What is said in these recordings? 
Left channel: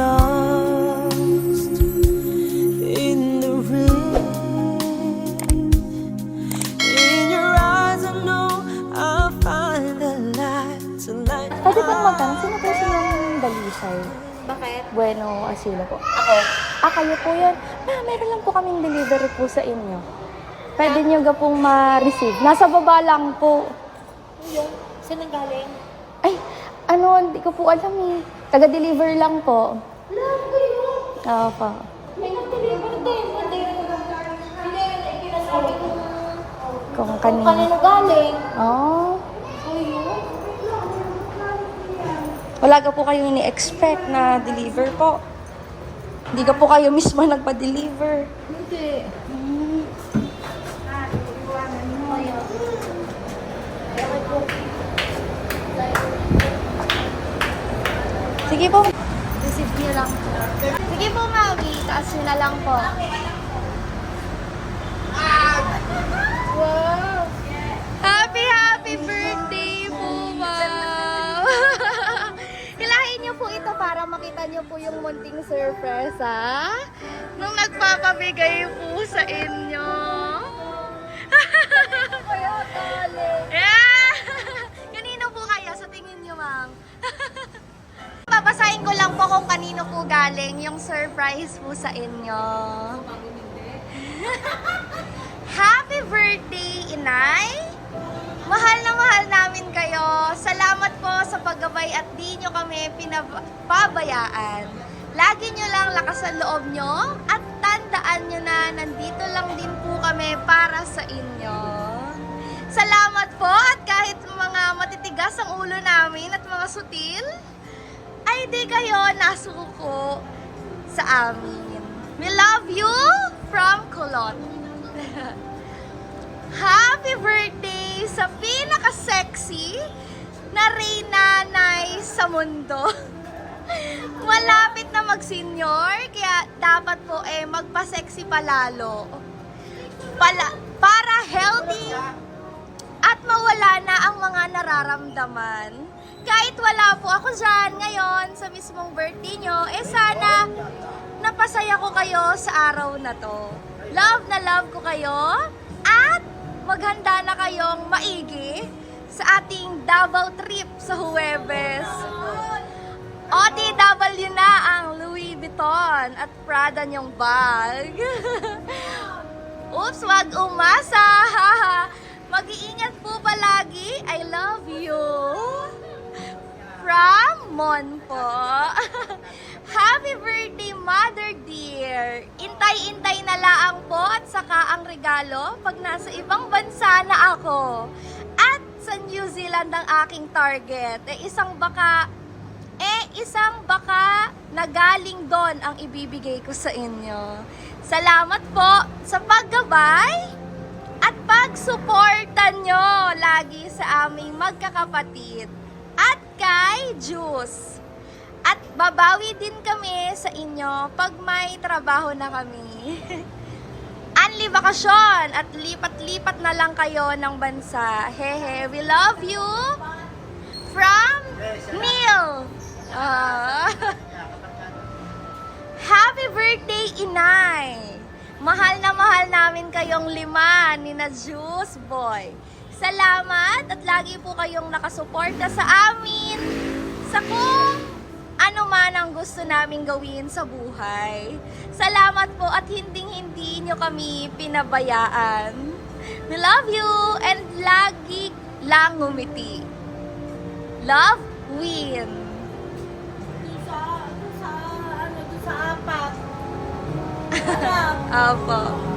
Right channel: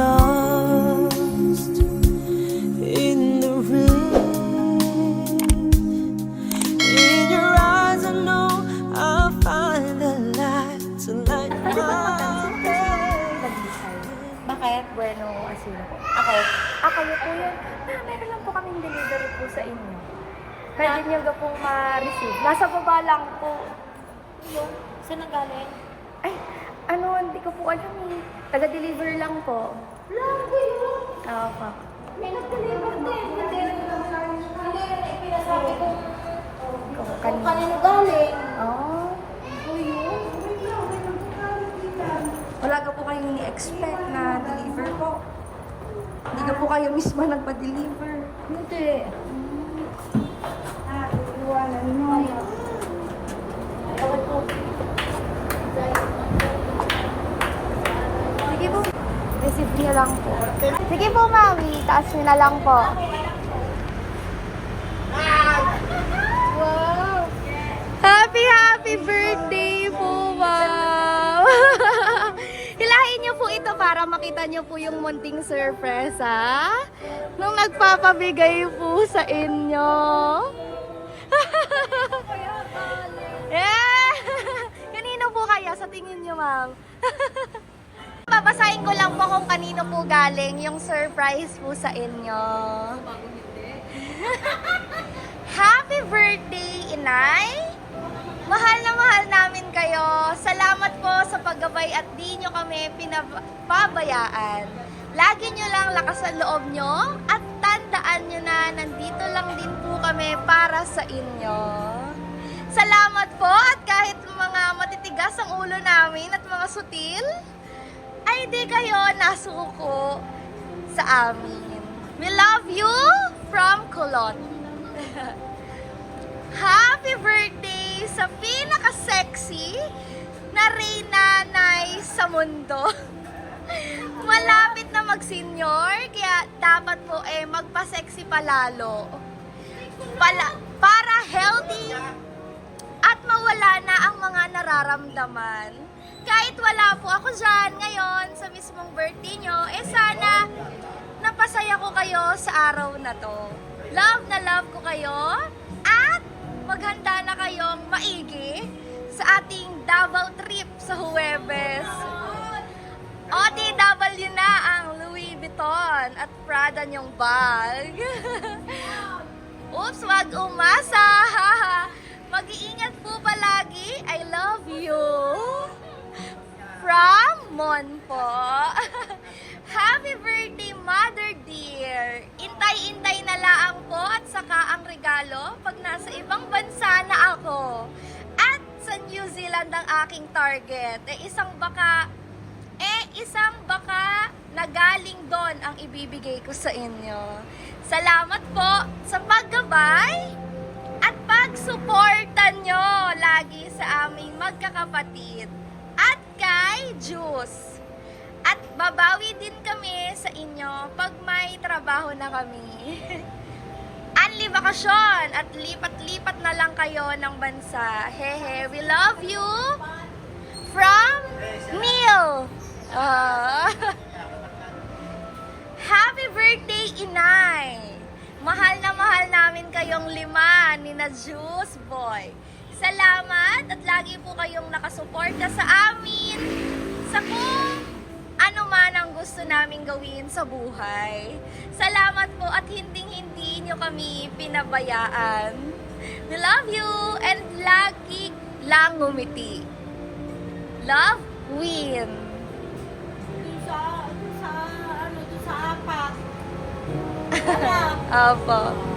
lost in the rain. In your eyes, I know I'll find the light to light Pwede bang my magtanong, sino po yung dalisay? Bakit? Bueno, asilo po. Ako. Ah, kayo po yan. Ma, meron lang po kaming delivery po sa inyo. Pwede nyo ga pong ma-receive. Nasa baba lang po. Yun. Saan ang galing? Ay, ano, hindi ko po alam eh. Taga-deliver lang po. Love ko yun. Oo po. May nag-deliver din. Hindi rin, hindi rin na ipinasabi kung, Kung kung kanino. kanino galing. Oh. Ito yun. Wala ka po kayong ini-expect na deliver po. Hindi ka po kayo mismo nagpa-deliver. Hindi. Iwanan mo. Sige po. Receive niyo lang po. Sige po, Mami. Taas na lang po. Babasahin ko lang po kung kanino po galing yung surprise po sa inyo. Happy birthday, Inay! Mahal na mahal namin kayo. Salamat po sa paggabay at di nyo kami pinababayaan. Lagi nyo lang lakas ang loob nyo at tandaan nyo na nandito lang din po kami para sa inyo. Salamat po at kahit mga matitigas ang ulo namin at mga sutil, ay di kayo nasuko sa amin. We love you from Colon. Happy birthday sa pinaka-sexy na Reyna Nay sa mundo. Malapit na mag-senior, kaya dapat po eh magpa-sexy palalo. Pala, para healthy at mawala na ang mga nararamdaman. Kahit wala po ako dyan ngayon sa mismong birthday nyo, eh sana napasaya ko kayo sa araw na to. Love na love ko kayo at maghanda na kayong maigi sa ating Davao trip sa Huwebes. OTW na ang Louis Vuitton at Prada niyong bag. Oops, wag umasa. Mag-iingat po palagi. I love you. From Mon po. Happy birthday, Mother dear. Intay-intay na laang po at saka ang regalo pag nasa ibang bansa na ako. At sa New Zealand ang aking target. Eh, isang baka eh, isang baka na galing doon ang ibibigay ko sa inyo. Salamat po sa paggabay at pagsuporta nyo lagi sa aming magkakapatid at kay Juice. At babawi din kami sa inyo pag may trabaho na kami. Anli bakasyon at lipat-lipat na lang kayo ng bansa. Hehe, we love you from Neil. Ah. Happy birthday, Inay! Mahal na mahal namin kayong lima ni na Juice Boy. Salamat at lagi po kayong nakasuporta sa amin sa kung ano man ang gusto namin gawin sa buhay. Salamat po at hinding-hindi nyo kami pinabayaan. We love you and lagi lang ngumiti. Love win. sa, sa, ano, sa apat. Opo.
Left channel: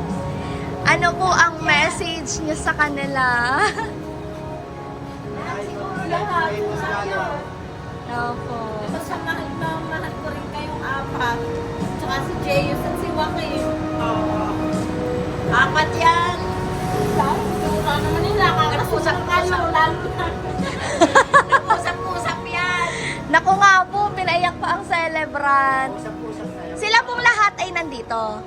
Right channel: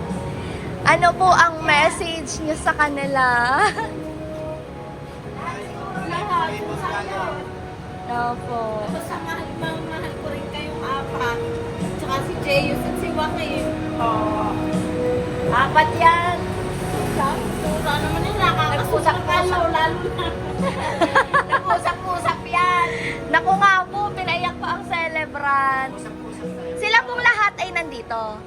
Ano po ang message niyo sa kanila? Opo. basta mahal na mahal ko rin kayong apat. Tsaka si Jeyus at si Joaquin. Oh. Apat yan. Paano naman yung nakakasusak ka, no? Lalo na. Usap-usap yan. Naku nga po, pinaiyak pa ang celebrant. Sila pong lahat ay nandito.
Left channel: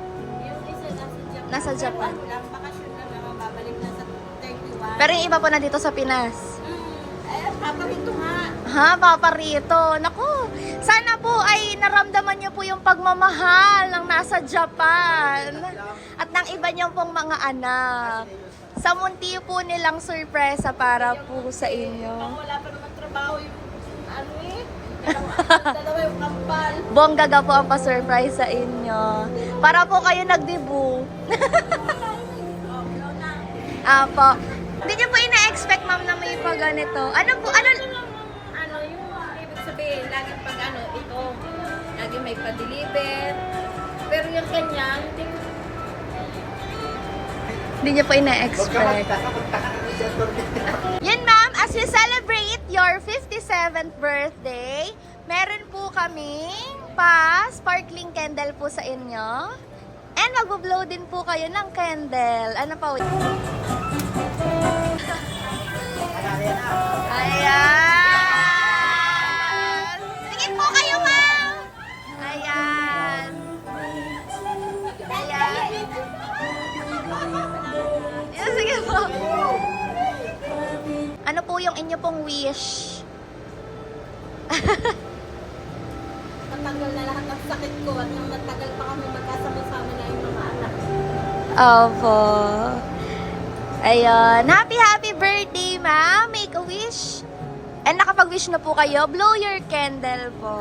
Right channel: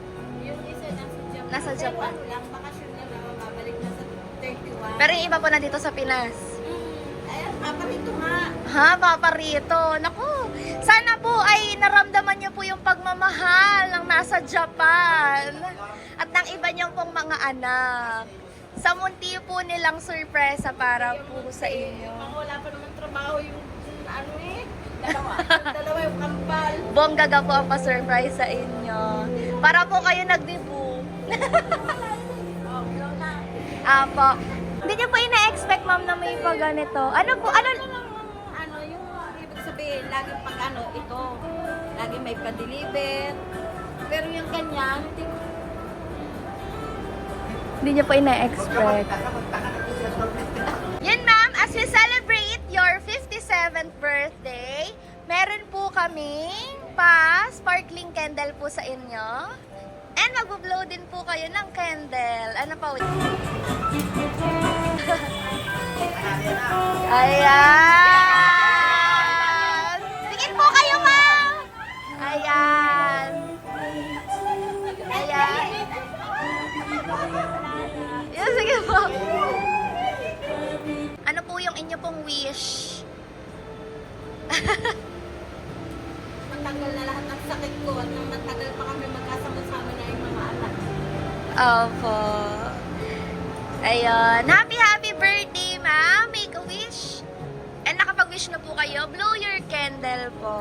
Nasa Japan. Walang bakasyon na naman, babalik na sa 31. Pero yung iba po nandito sa Pinas. Mm, ay, papa dito nga. Ha, Papa Rito. Naku, sana po ay naramdaman niyo po yung pagmamahal ng nasa Japan at ng iba niyong pong mga anak. Sa munti po nilang sorpresa para po sa inyo. Wala pa naman trabaho yung ano eh. Dalawa, yung kampal. Bonggaga po ang pa-surprise sa inyo. Para po kayo nagdibu. Apo. Hindi niyo po ina-expect, ma'am, na may pa ganito. Ano po, ano, Ano yung ibig sabihin, lagi pag ano, ito, lagi may pa-deliver. Pero yung kanya, hindi Hindi niyo po ina-expect. Yun ma'am, as we celebrate your 57th birthday, meron po kami pa sparkling candle po sa inyo. And magbo-blow din po kayo ng candle. Ano pa? Ayan! Tingin po kayo, ma'am! Ayan! Ayan! Yan, sige po. Ano po yung inyo pong wish? Matagal na lahat ng sakit ko at nang matagal pa kami magkasama-sama na yung mga anak. Opo. Ayun. Happy, happy birthday, ma'am. Make a wish. And nakapag-wish na po kayo, blow your candle po.